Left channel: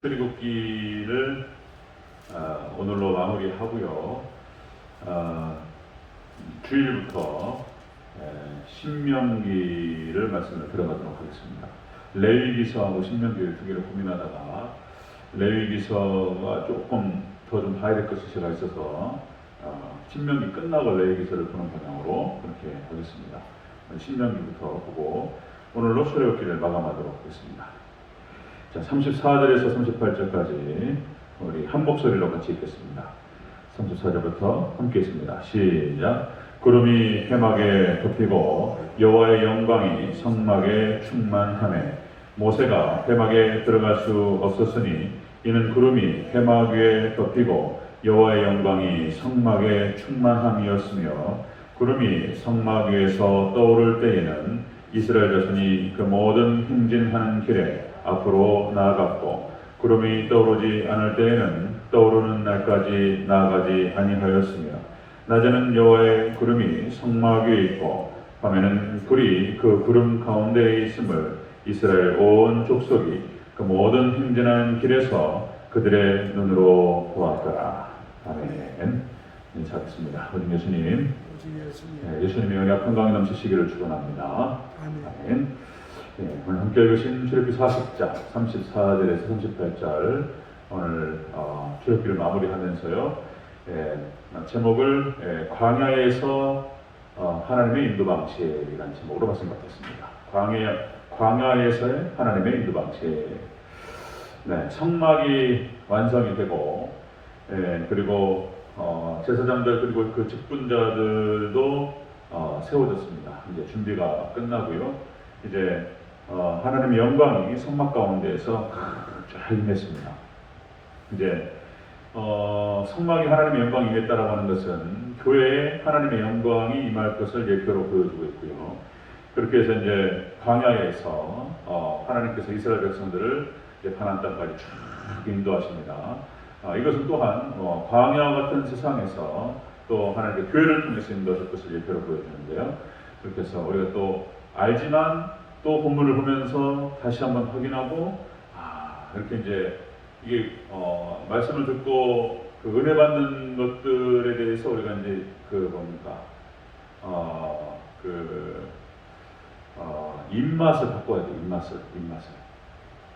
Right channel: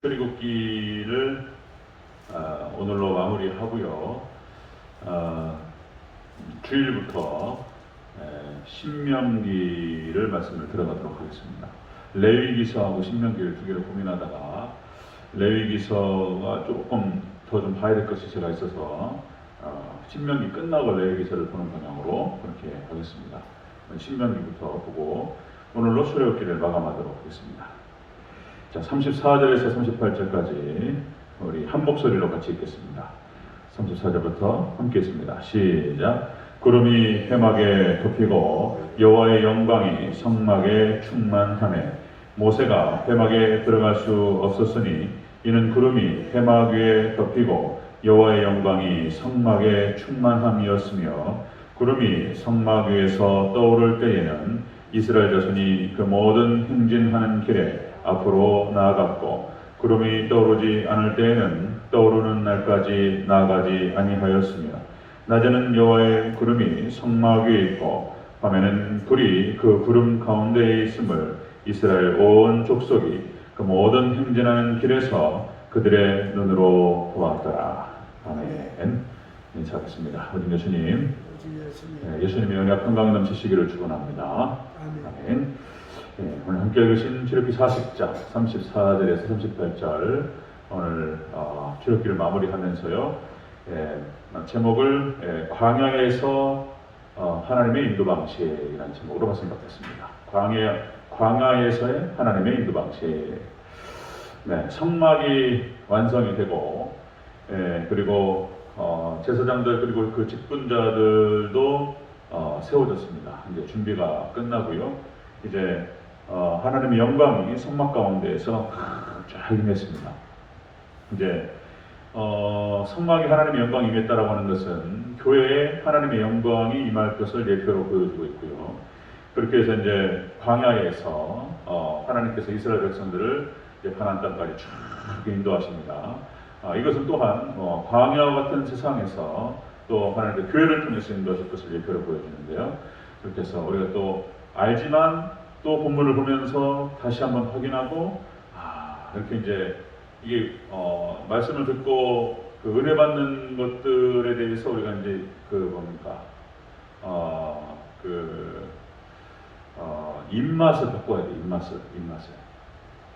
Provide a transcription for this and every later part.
출애굽기를 어, 오늘로 마무리하고요. 어, 주일부터 에, 신명기를 말씀을 들어가도록 하겠습니다. 레위기서하고 신명기를 두 개를 고민하다가 레위기서가 조금 더 좀 봐야 될 것이 제가 있어서 어, 신명기 끝나고 레위기서를 보는 방향으로 그렇게 하겠습니다. 신명기부터 보고 오늘로 출애굽기를 마감하도록 하겠습니다. 자, 34절에서 38절까지 우리 한 목소리로 같이 읽겠습니다. 34절부터 함께 읽습니다. 시작. 구름이 회막에 덮이고 여호와의 영광이 성막에 충만하매 모세가 회막에 들어갈 수 없었으니 이는 구름이 회막 위에 덮이고 여호와의 영광이 성막에 충만함이었으며 구름이 성막 위에서 떠오를 때에는 이스라엘 자손이 그 모든 행진하는 길에 앞으로 나아갔고 구름이 떠오르지 않을 때에는 떠오르는 날까지 나아가지 아니하였으며 낮에는 여호와의 구름이 성막 위에 있고 밤에는 불이 그 구름 가운데에 있음을 이스라엘 온 족속이 그 모든 행진하는 길에서 그들의 눈으로 보았더라. 아멘. 인사하겠습니다. 어린 예수님, 네, 예수님의 영이 평강이 넘치시기를 축원합니다. 아멘. 네, 오늘 함께 읽으신 출애굽기 40장 34절에서 38절 오늘 어, 출애굽기를 마무리하면서요. 예, 제목을 예, 광야에서 어, 하나님의 인도 방식이라는 제목으로 말씀 받았습니다. 광야 광야에서의 하나님의 인도 방식. 네, 성막이 완성이 되고 예, 그리고 어, 제사장들 그리고 그 직분자들도 어, 세워졌습니다. 이제 준비가 끝나고요. 이제 어, 하나님의 영광이 성막 가운데에서 쫙 임했습니다. 이제 어, 성막이 하나님의 영광이 임했다라고 하는 것은 교회에 하나님의 영광이 임할 것을 예표로 보여주고 있고요. 그렇게 해서 이제 광야에서 어, 하나님께서 이스라엘 백성들을 가나안 땅까지 쭉 인도하십니다. 아, 이것은 또한 어, 광야 같은 세상에서 또 하나님의 교회를 통해서 인도하실 것을 예표로 보여주는데요. 그렇게 해서 우리가 또 알지만 또 본문을 보면서 다시 한번 확인하고 아 이렇게 이제 이게 어, 말씀을 듣고 그 은혜 받는 것들에 대해서 우리가 이제 그 뭡니까 어그 어, 입맛을 바꿔야 돼 입맛을 입맛을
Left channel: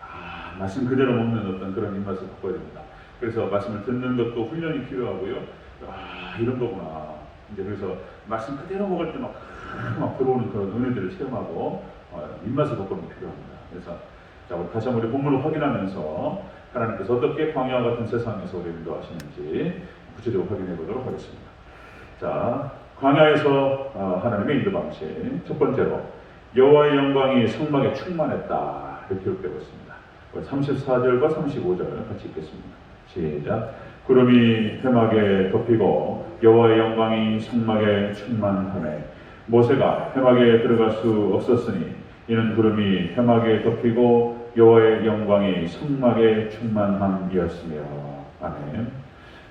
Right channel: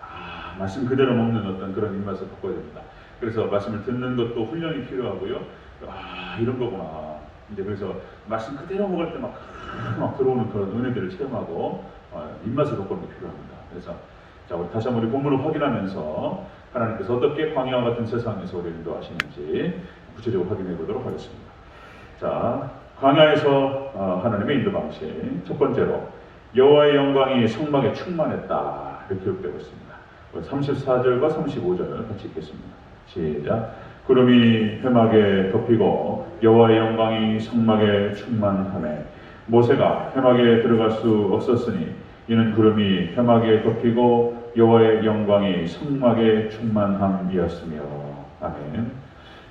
아 말씀 그대로 먹는 어떤 그런 입맛을 바꿔야 됩니다. 그래서 말씀을 듣는 것도 훈련이 필요하고요. 아 이런 거구나. 이제 그래서 말씀 그대로 먹을 때막막 들어오는 그런 은혜들을 체험하고 어, 입맛을 바꾸는 게 필요합니다. 그래서 자 우리 다시 한번 우리 본문을 확인하면서 하나님께서 어떻게 광야와 같은 세상에서 우리 인도하시는지 구체적으로 확인해 보도록 하겠습니다. 자 광야에서 어, 하나님의 인도 방식 첫 번째로 여호와의 영광이 성막에 충만했다 이렇게 기록되고 있습니다. 34절과 35절 같이 읽겠습니다. 시작. 구름이 회막에 덮이고 여호와의 영광이 성막에 충만하매 모세가 회막에 들어갈 수 없었으니 이는 구름이 회막에 덮이고 여호와의 영광이 성막에 충만함이었으며 아멘.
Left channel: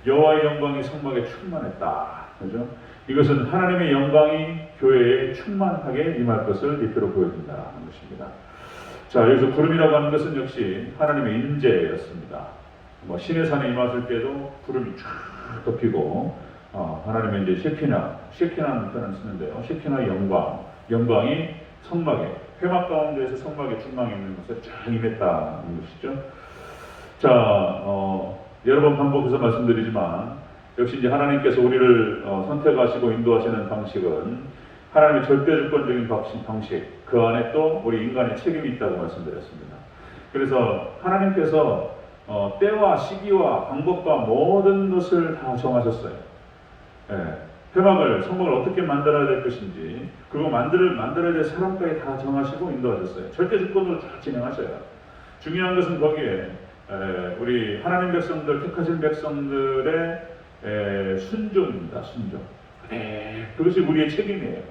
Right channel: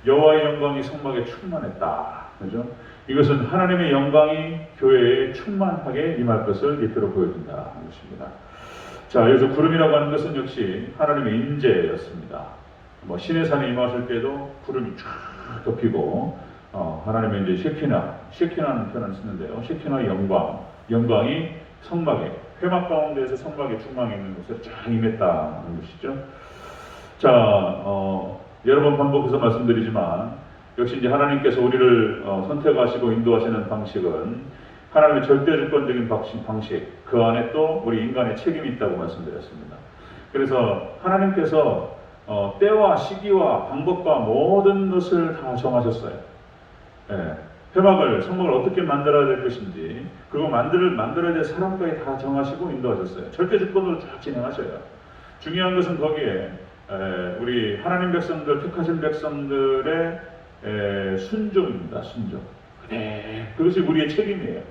여호와의 영광이 성막에 충만했다. 그죠? 이것은 하나님의 영광이 교회에 충만하게 임할 것을 예표로 보여준다는 것입니다. 자, 여기서 구름이라고 하는 것은 역시 하나님의 임재였습니다. 뭐 신의 산에 임하실 때도 구름이 쫙 덮이고 어, 하나님의 이제 셰키나, 셰키나는 표현을 쓰는데요. 셰키나의 영광, 영광이 성막에 회막 가운데에서 성막에 중앙에 있는 것에 쫙 임했다는 것이죠. 자, 어, 여러 번 반복해서 말씀드리지만 역시 이제 하나님께서 우리를 어, 선택하시고 인도하시는 방식은 하나님의 절대주권적인 방식, 그 안에 또 우리 인간의 책임이 있다고 말씀드렸습니다. 그래서 하나님께서 어, 때와 시기와 방법과 모든 것을 다 정하셨어요. 예, 회막을 성막을 어떻게 만들어야 될 것인지 그리고 만들 만들어야 될 사람까지 다 정하시고 인도하셨어요. 절대 주권으로 다 진행하셔요. 중요한 것은 거기에 에, 우리 하나님 백성들 택하신 백성들의 에, 순종입니다. 순종. 네, 그것이 우리의 책임이에요.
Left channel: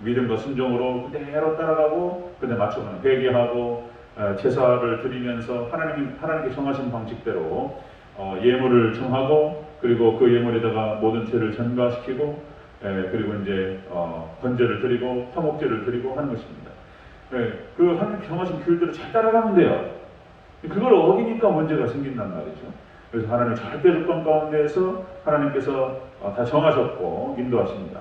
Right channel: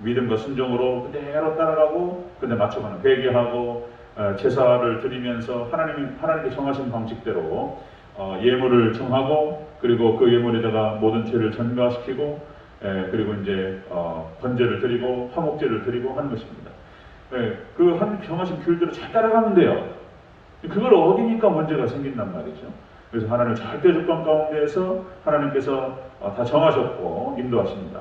믿음과 순종으로 그대로 따라가고 근데 맞춰가는 회개하고 어, 제사를 드리면서 하나님 하나님께 정하신 방식대로 어, 예물을 정하고 그리고 그 예물에다가 모든 죄를 전가시키고 에, 그리고 이제 어, 번제를 드리고 화목제를 드리고 하는 것입니다. 예, 그한 정하신 귤대로 잘 따라가면 돼요. 그걸 어기니까 문제가 생긴단 말이죠. 그래서 하나님 절대 조건 가운데에서 하나님께서 어, 다 정하셨고 인도하십니다.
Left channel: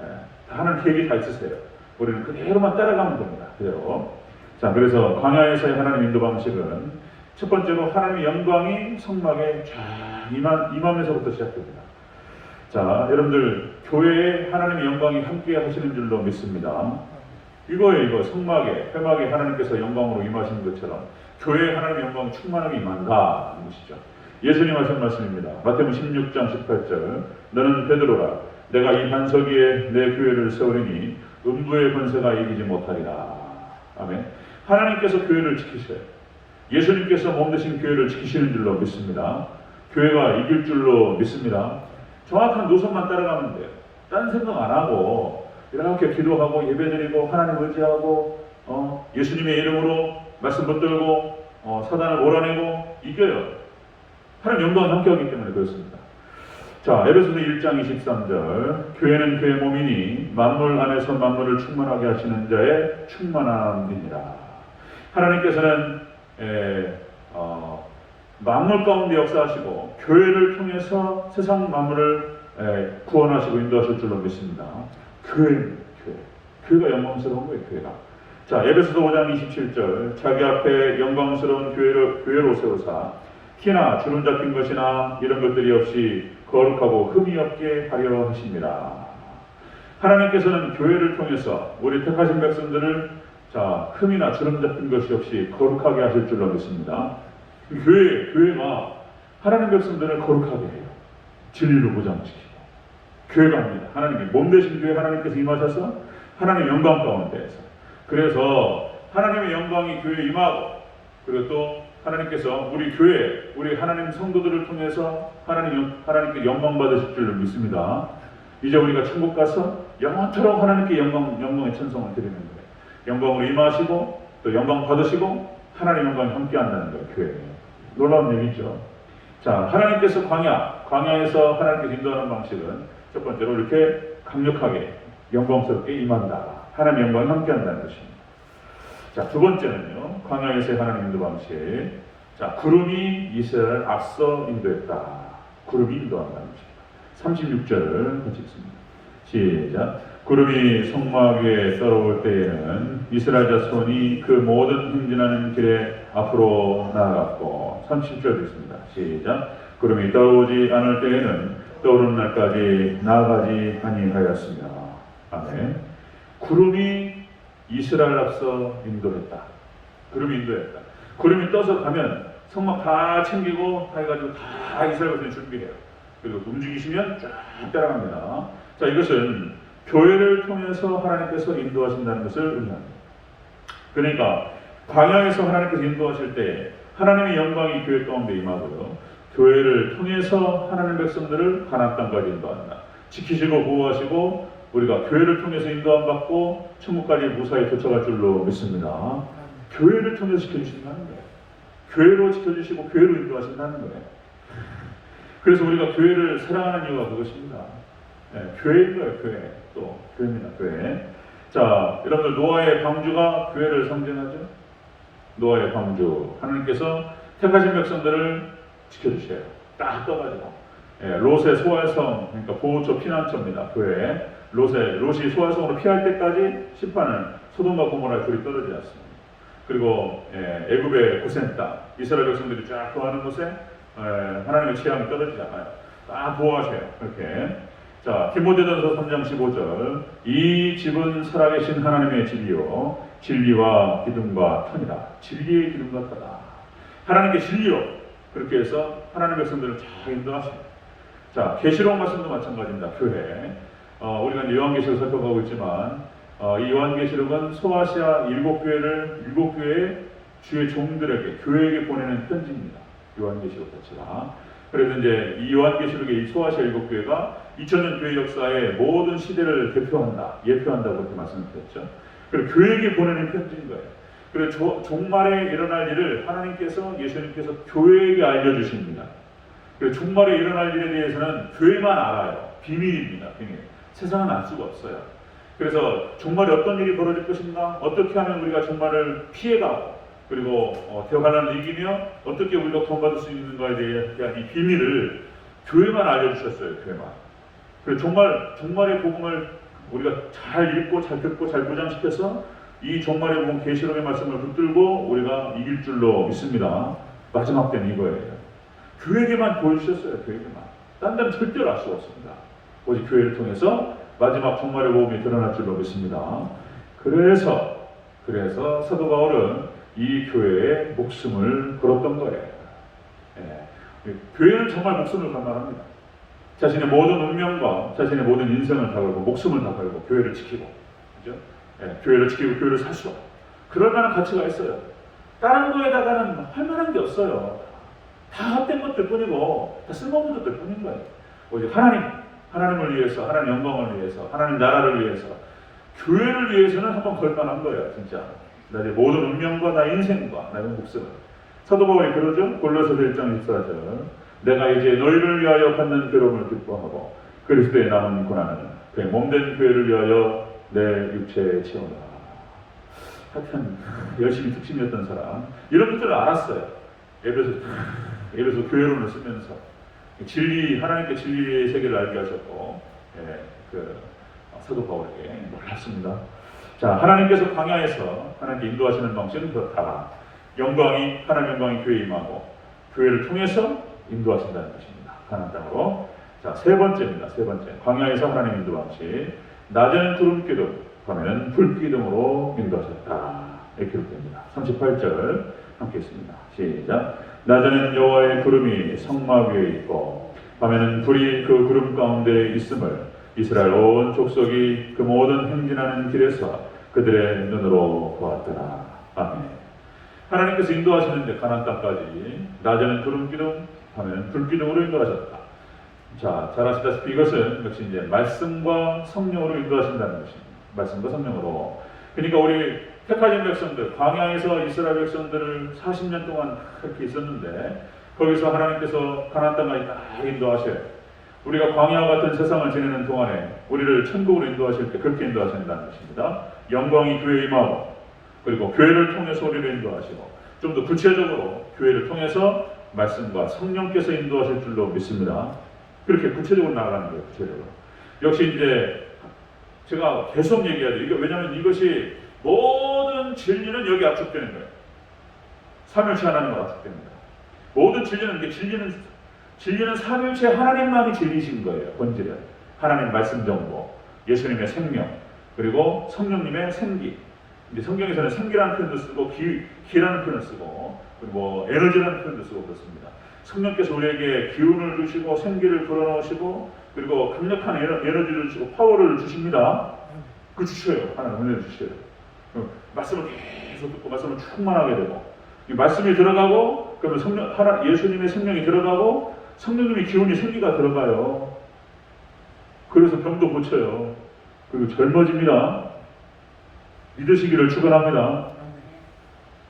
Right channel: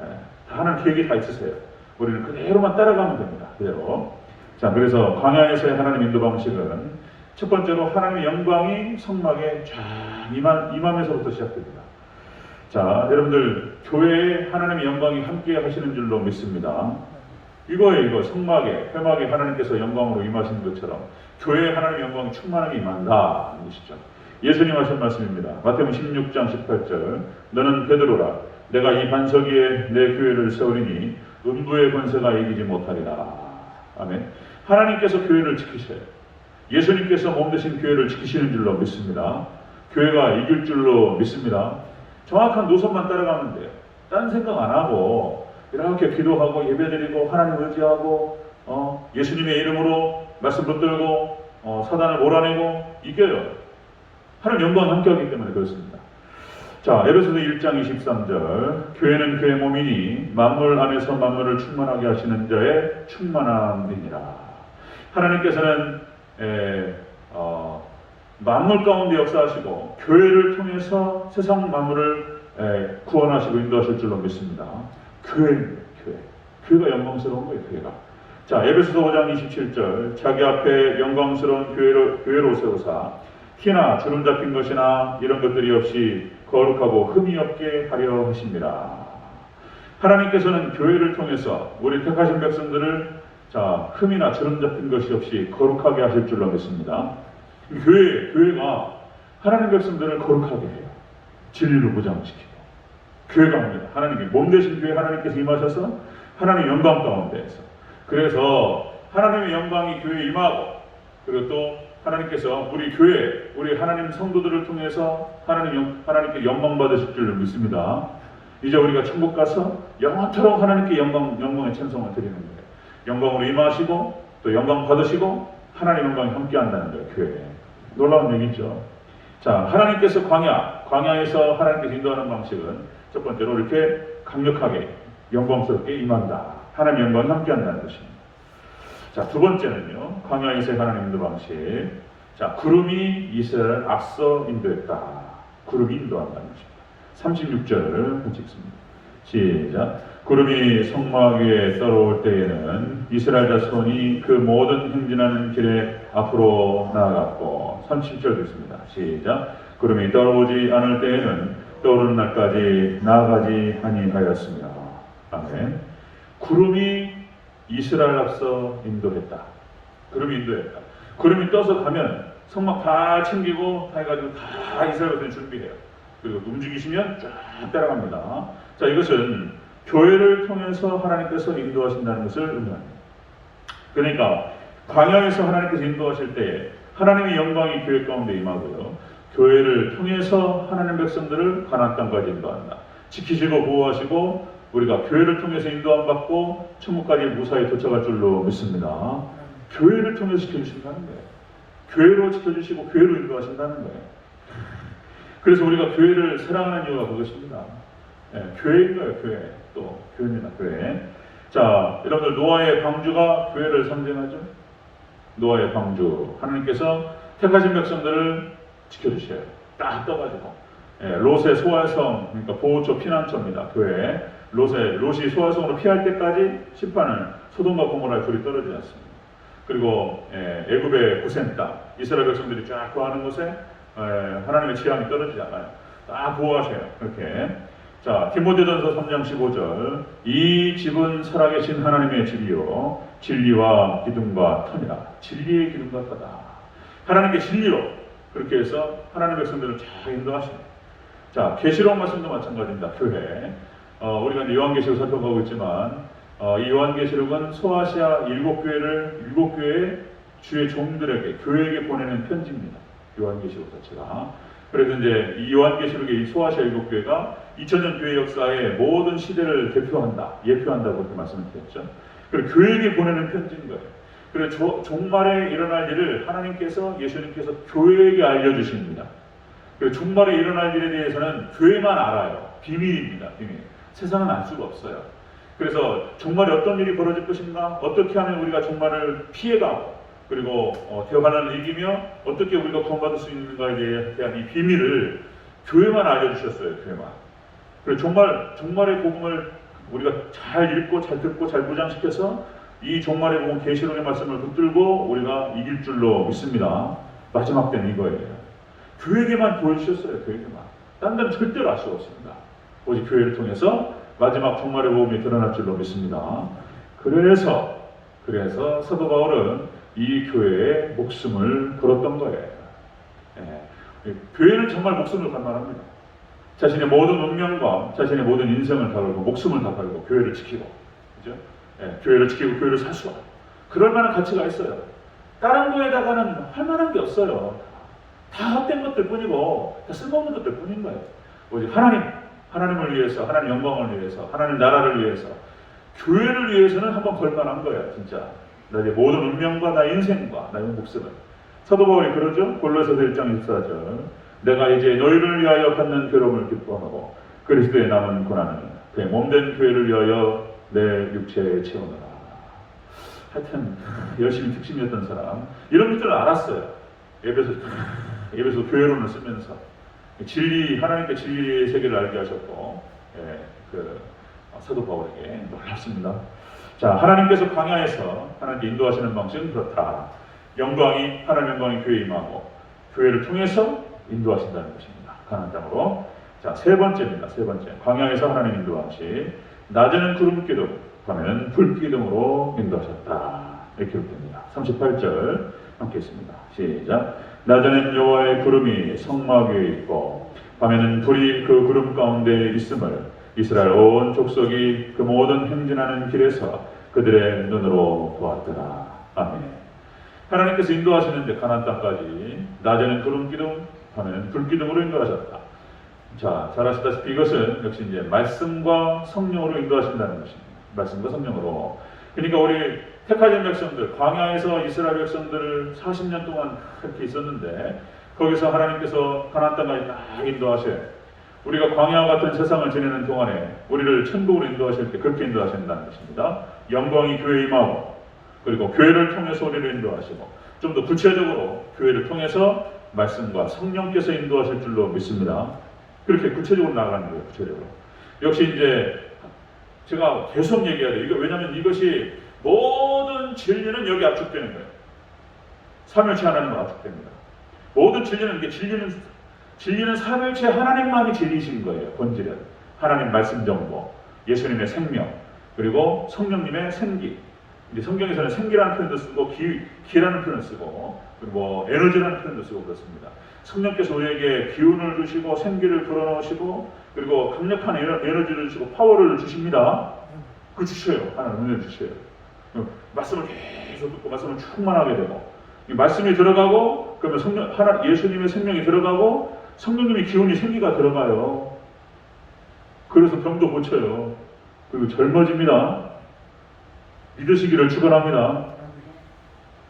예, 다 하나님 계획이 다 있으세요. 우리는 그대로만 따라가면 됩니다. 그대로. 자, 그래서 광야에서의 하나님 인도 방식은 첫 번째로 하나님의 영광이 성막에 쫙 임한, 임하면서부터 시작됩니다. 자, 여러분들 교회에 하나님의 영광이 함께 하시는 줄로 믿습니다. 이거예요, 이거 성막에 회막에 하나님께서 영광으로 임하시는 것처럼 교회에 하나님의 영광이 충만하게 임한다 는 것이죠. 예수님 하신 말씀입니다. 마태복음 16장 18절 너는 베드로라 내가 이 반석 위에 내 교회를 세우리니 음부의 권세가 이기지 못하리라. 아멘. 하나님께서 교회를 지키셔요. 예수님께서 몸 대신 교회를 지키시는 줄로 믿습니다. 교회가 이길 줄로 믿습니다. 정확한 노선만 따라가면 돼요. 딴 생각 안 하고 이렇게 기도하고 예배드리고 하나님 의지하고 어, 예수님의 이름으로 말씀 붙들고 어, 사단을 몰아내고 이겨요. 하나님 영광 함께하기 때문에 그렇습니다. 자, 에베소서 1장 23절 교회는 그의 몸이니 만물 안에서 만물을 충만하게 하시는 자의 충만함이니라. 하나님께서는 에, 어, 만물 가운데 역사하시고 교회를 통해서 세상 만물을 에, 구원하시고 인도하실 줄로 믿습니다. 교회입니다. 교회. 교회가 영광스러운 거예요. 교회가. 자, 에베소서 5장 27절 자기 앞에 영광스러운 교회로, 교회로 세우사 키나 주름 잡힌 것이나 이런 것들이 없이 거룩하고 흠이 없게 하려 하십니다. 하나님께서는 교회를 통해서 우리 택하신 백성들을 자 흠이나 주름 잡힌 것이 없이 거룩하게 하실 줄로 믿습니다. 이 교회 교회가 하나님 백성들을 거룩하게 해요. 진리로 보장시키고 교회가 합니다. 하나님이 몸 대신 교회 하나님께서 임하셔서 하나님 영광 가운데에서 그래서 하나님의 영광이 교회에 임하고 그리고 또 하나님께서 우리 교회, 우리 하나님 성도들을 통해서 하나님 하나님께 영광 받으실 줄 믿습니다. 이제 우리가 천국 가서 영원토록 하나님께 영광 영광의 찬송을 드리는 거예요. 영광으로 임하시고 또 영광 받으시고 하나님 영광이 함께한다는 거예요. 교회 놀라운 얘기죠. 자 하나님께서 광야 광야에서 하나님께 인도하는 방식은 첫 번째로 이렇게 강력하게 영광스럽게 임한다. 하나님 영광이 함께한다는 것입니다. 자, 두 번째는요. 광야에서의 하나님 인도 방식. 자, 구름이 이스라엘을 앞서 인도했다. 구름이 인도한다는 것입니다. 36절 같이 읽습니다. 시작. 구름이 성막 위에 떨어올 때에는 이스라엘 자손이 그 모든 행진하는 길에 앞으로 나아갔고 37절 읽습니다. 시작. 구름이 떨어오지 않을 때에는 떠오르는 날까지 나아가지 아니하였습니다. 아멘. 구름이 이스라엘 앞서 인도했다. 구름이 인도했다. 구름이 떠서 가면 성막 다 챙기고 다 해가지고 다 이스라엘 백성 준비해요. 그리고 움직이시면 쫙 따라갑니다. 자, 이것은 교회를 통해서 하나님께서 인도하신다는 것을 의미합니다. 그러니까 광야에서 하나님께서 인도하실 때 하나님의 영광이 교회 가운데 임하고요. 교회를 통해서 하나님 백성들을 가나안 땅까지 인도한다. 지키시고 보호하시고 우리가 교회를 통해서 인도함 받고 천국까지 무사히 도착할 줄로 믿습니다. 교회를 통해서 지켜주신다는 거예요. 교회로 지켜주시고 교회로 인도하신다는 거예요. 그래서 우리가 교회를 사랑하는 이유가 그것입니다. 네, 교회인 거예요, 교회. 또 교회입니다, 교회. 자, 여러분들 노아의 방주가 교회를 상징하죠. 노아의 방주. 하나님께서 택하신 백성들을 지켜주셔요. 딱 떠가지고. 예, 롯의 소활성, 그러니까 보호처 피난처입니다. 교회. 롯의 롯이 소활성으로 피할 때까지 심판을 소돔과 고모라에 불이 떨어지지 않습니다. 그리고 예, 애굽의 고센 땅, 이스라엘 백성들이 쫙 거하는 곳에 예, 하나님의 취향이 떨어지지 않아요. 딱 보호하세요. 그렇게. 자, 디모데전서 3장 15절. 이 집은 살아계신 하나님의 집이요. 진리와 기둥과 터이다. 진리의 기둥과 터다. 하나님께 진리로 그렇게 해서 하나님의 백성들을 잘 인도하십니다. 자, 계시록 말씀도 마찬가지입니다. 교회. 어, 우리가 이제 요한계시록 살펴보고 있지만 어, 이 요한계시록은 소아시아 일곱 교회를 일곱 교회의 주의 종들에게 교회에게 보내는 편지입니다. 요한계시록 자체가. 그래서 이제 이 요한계시록의 이 소아시아 일곱 교회가 2000년 교회 역사의 모든 시대를 대표한다, 예표한다고 그렇게 말씀드렸죠. 그리고 교회에게 보내는 편지인 거예요. 그리고 종말에 일어날 일을 하나님께서 예수님께서 교회에게 알려주십니다. 그리고 종말에 일어날 일에 대해서는 교회만 알아요. 비밀입니다. 비밀. 세상은 알 수가 없어요. 그래서 종말에 어떤 일이 벌어질 것인가, 어떻게 하면 우리가 종말을 피해가고 그리고 어, 대화관을 이기며 어떻게 우리가 구원받을 수 있는가에 대한 이 비밀을 교회만 알려주셨어요. 교회만. 그리고 정말 종말의 복음을 우리가 잘 읽고 잘 듣고 잘 무장시켜서 이 종말의 복음 계시록의 말씀을 붙들고 우리가 이길 줄로 믿습니다. 마지막 때는 이거예요. 교회에게만 보여주셨어요. 교회에게만. 딴 데는 절대로 알 수 없습니다. 오직 교회를 통해서 마지막 종말의 복음이 드러날 줄로 믿습니다. 그래서 그래서 사도 바울은 이 교회에 목숨을 걸었던 거예요. 예. 교회는 정말 목숨을 갈망합니다. 자신의 모든 운명과 자신의 모든 인생을 다 걸고 목숨을 다 걸고 교회를 지키고 그죠? 예, 교회를 지키고 교회를 사수 그럴 만한 가치가 있어요. 다른 거에다가는 할 만한 게 없어요. 다 헛된 것들 뿐이고 다 쓸모없는 것들 뿐인 거예요. 오직 하나님, 하나님을 위해서, 하나님 영광을 위해서, 하나님 나라를 위해서, 교회를 위해서는 한번 걸만한 거예요, 진짜. 나의 모든 운명과 나의 인생과 나의 목숨을. 사도 바울이 그러죠. 골로새서 1장 14절. 내가 이제 너희를 위하여 받는 괴로움을 기뻐하고 그리스도의 남은 고난은 그의 몸된 교회를 위하여 내 육체에 채우노라. 하여튼 열심히 특신이었던 사람 이런 것들을 알았어요. 예배서 예배서 교회론을 쓰면서 진리 하나님께 진리의 세계를 알게 하셨고 예, 그 사도 바울에게 놀랍습니다. 자 하나님께서 광야에서 하나님께 인도하시는 방식은 그렇다. 영광이 하나님 영광이 교회에 임하고 교회를 통해서 인도하신다는 것입니다. 가나안 땅으로. 자, 세 번째입니다. 세 번째. 광야에서 하나님 인도 방식. 낮에는 구름 기둥, 밤에는 불 기둥으로 인도하셨다. 이렇게 기록됩니다. 38절 함께 있습니다. 시작. 낮에는 여호와의 구름이 성막 위에 있고 밤에는 불이 그 구름 가운데 있음을 이스라엘 온 족속이 그 모든 행진하는 길에서 그들의 눈으로 보았더라. 아멘. 하나님께서 인도하시는데 가나안 땅까지 낮에는 구름 기둥, 밤에는 불 기둥으로 인도하셨다. 자, 잘 아시다시피 이것은 역시 이제 말씀과 성령으로 인도하신다는 것입니다. 말씀과 성령으로. 그러니까 우리 택하신 백성들, 광야에서 이스라엘 백성들을 40년 동안 그렇게 있었는데 거기서 하나님께서 가나안 땅까지 딱 인도하셔요. 우리가 광야와 같은 세상을 지내는 동안에 우리를 천국으로 인도하실 때 그렇게 인도하신다는 것입니다. 영광이 교회에 임하고 그리고 교회를 통해서 우리를 인도하시고 좀 더 구체적으로 교회를 통해서 말씀과 성령께서 인도하실 줄로 믿습니다. 그렇게 구체적으로 나아가는 거예요. 구체적으로. 역시 이제 제가 계속 얘기해야 돼요. 이거 왜냐하면 이것이 모든 진리는 여기 압축되는 거예요. 삼일체 하나님만 압축되는 거예요. 모든 진리는 이게 진리는 진리는 삼일체 하나님만이 진리신 거예요. 본질은 하나님 말씀 정보, 예수님의 생명, 그리고 성령님의 생기. 이제 성경에서는 생기라는 표현도 쓰고 기, 기라는 표현을 쓰고 뭐 에너지라는 표현도 쓰고 그렇습니다. 성령께서 우리에게 기운을 주시고 생기를 불어넣으시고 그리고 강력한 에너, 에너지를 주시고 파워를 주십니다. 그 주셔요. 하나님 은혜 주셔요. 어, 말씀을 계속 듣고 말씀을 충만하게 되고 이 말씀이 들어가고 그러면 성령 하나 예수님의 생명이 들어가고 성령님의 기운이 생기가 들어가요. 그래서 병도 고쳐요. 그리고 젊어집니다. 믿으시기를 축원합니다.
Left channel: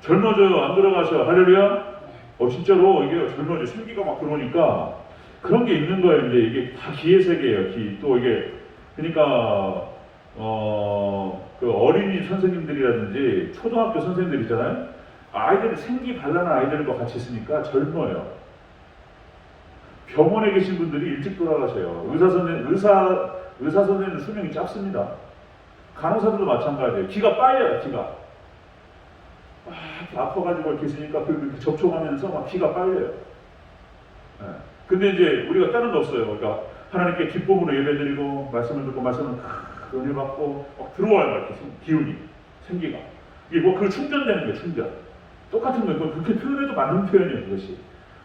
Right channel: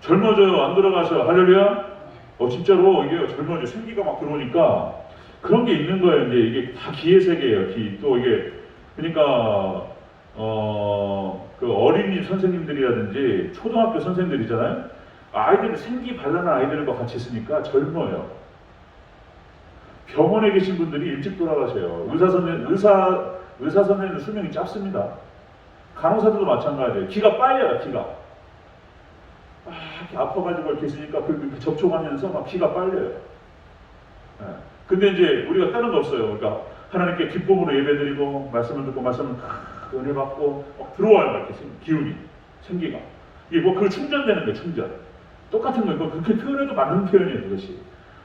젊어져요. 안 들어가셔. 할렐루야. 어 진짜로 이게 젊어져 생기가 막 들어오니까 그런 게 있는 거예요. 이제 이게 다 기의 세계예요. 기. 또 이게 그러니까 어 그 어린이 선생님들이라든지 초등학교 선생님들이잖아요. 아이들 생기 발랄한 아이들과 같이 있으니까 젊어요. 병원에 계신 분들이 일찍 돌아가세요. 의사 선생 의사 의사 선생님 수명이 짧습니다. 간호사들도 마찬가지예요. 기가 빨려요. 기가 아, 아파가지고 이렇게 있으니까 그, 그 접촉하면서 막 기가 빨려요. 예. 근데 이제 우리가 다른 거 없어요. 그러니까 하나님께 기쁨으로 예배드리고 말씀을 듣고 말씀을 탁 은혜 받고 막 들어와요. 이렇게 생- 기운이 생기가 이게 뭐 그 충전되는 거예요. 충전. 똑같은 거예요. 그렇게 표현해도 맞는 표현이에요. 그것이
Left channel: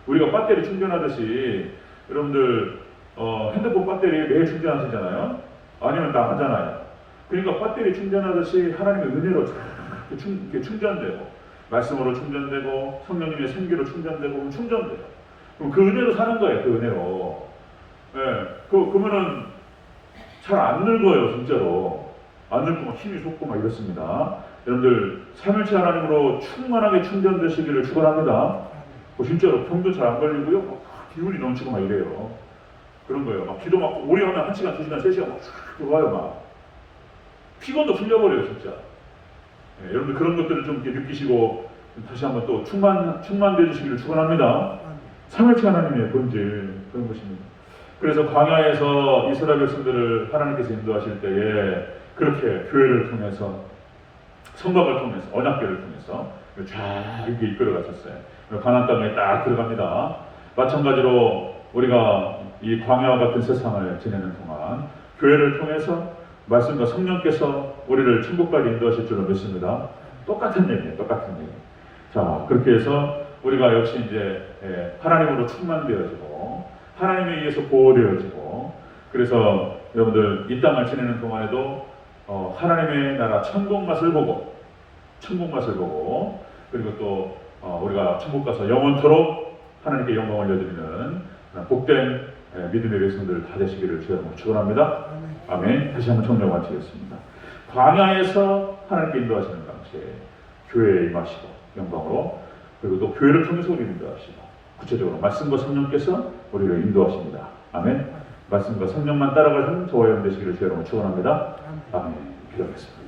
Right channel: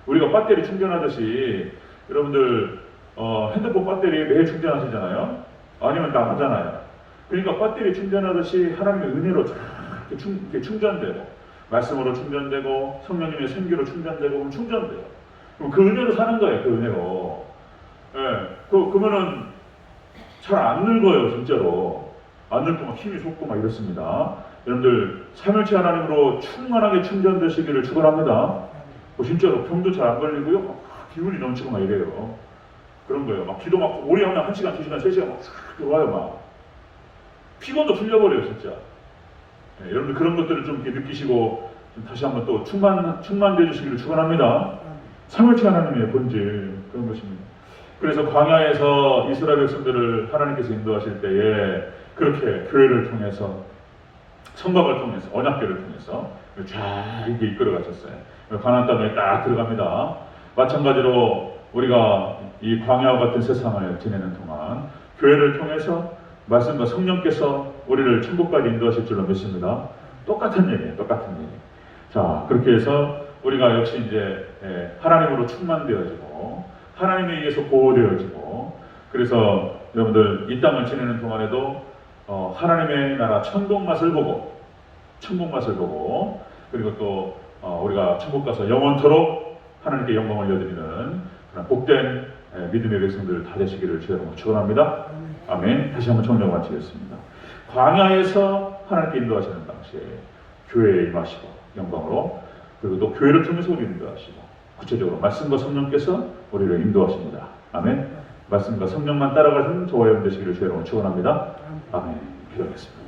우리가 배터리 충전하듯이 여러분들 어, 핸드폰 배터리 매일 충전하시잖아요. 아니면 나가잖아요. 그러니까 배터리 충전하듯이 하나님의 은혜로 충, 이렇게 충전되고 말씀으로 충전되고 성령님의 생기로 충전되고 충전돼요. 그럼 그 은혜로 사는 거예요. 그 은혜로. 예. 그 그러면은 잘 안 늙어요, 진짜로. 안 늙고 막 힘이 솟고 막 이렇습니다. 여러분들 삼일체 하나님으로 충만하게 충전되시기를 축원합니다. 뭐 진짜로 병도 잘 안 걸리고요. 막 기운이 넘치고 막 이래요. 그런 거예요. 막 기도 막 오래 하면 한 시간, 두 시간, 세 시간 막쫙 들어와요, 막. 피곤도 풀려버려요, 진짜. 예, 여러분들 그런 것들을 좀 이렇게 느끼시고 다시 한번 또 충만 충만되어 주시기를 축원합니다. 삼일체 하나님의 본질 그런 것입니다. 그래서 광야에서 이스라엘 백성들을 하나님께서 인도하실 때에 그렇게 교회를 통해서 성곽을 통해서 언약궤를 통해서 쫙 이렇게 이끌어 가셨어요. 가나안 땅에 딱 들어갑니다. 마찬가지로 우리가 이 광야와 같은 세상을 지내는 동안 교회를 통해서 말씀과 성령께서 우리를 천국까지 인도하실 줄로 믿습니다. 똑같은 얘기예요. 똑같은 얘기. 자 그렇게 해서 우리가 역시 이제 예, 하나님으로 충만되어지고 하나님에 의해서 보호되어지고 그래서 여러분들 이 땅을 지내는 동안에도 어, 하나님의 나라 천국 맛을 보고 천국 맛을 보고 그리고 또 어, 우리가 천국 가서 영원토록 하나님께 영광을 올려드리는 복된 예, 믿음의 백성들 다 되시기를 주여로 축원합니다. 아멘. 다시 한번 청정 마치겠습니다. 광야에서 하나님께 인도하시는 당시에 교회에 임하시고 영광으로 그리고 또 교회를 통해서 우리를 인도하시고 구체적으로 말씀과 성령께서 우리를 인도하십니다. 아멘. 말씀과 성령만 따라가는 저와 여러분 되시기를 주여로 축원합니다. 아멘. 기도하겠습니다.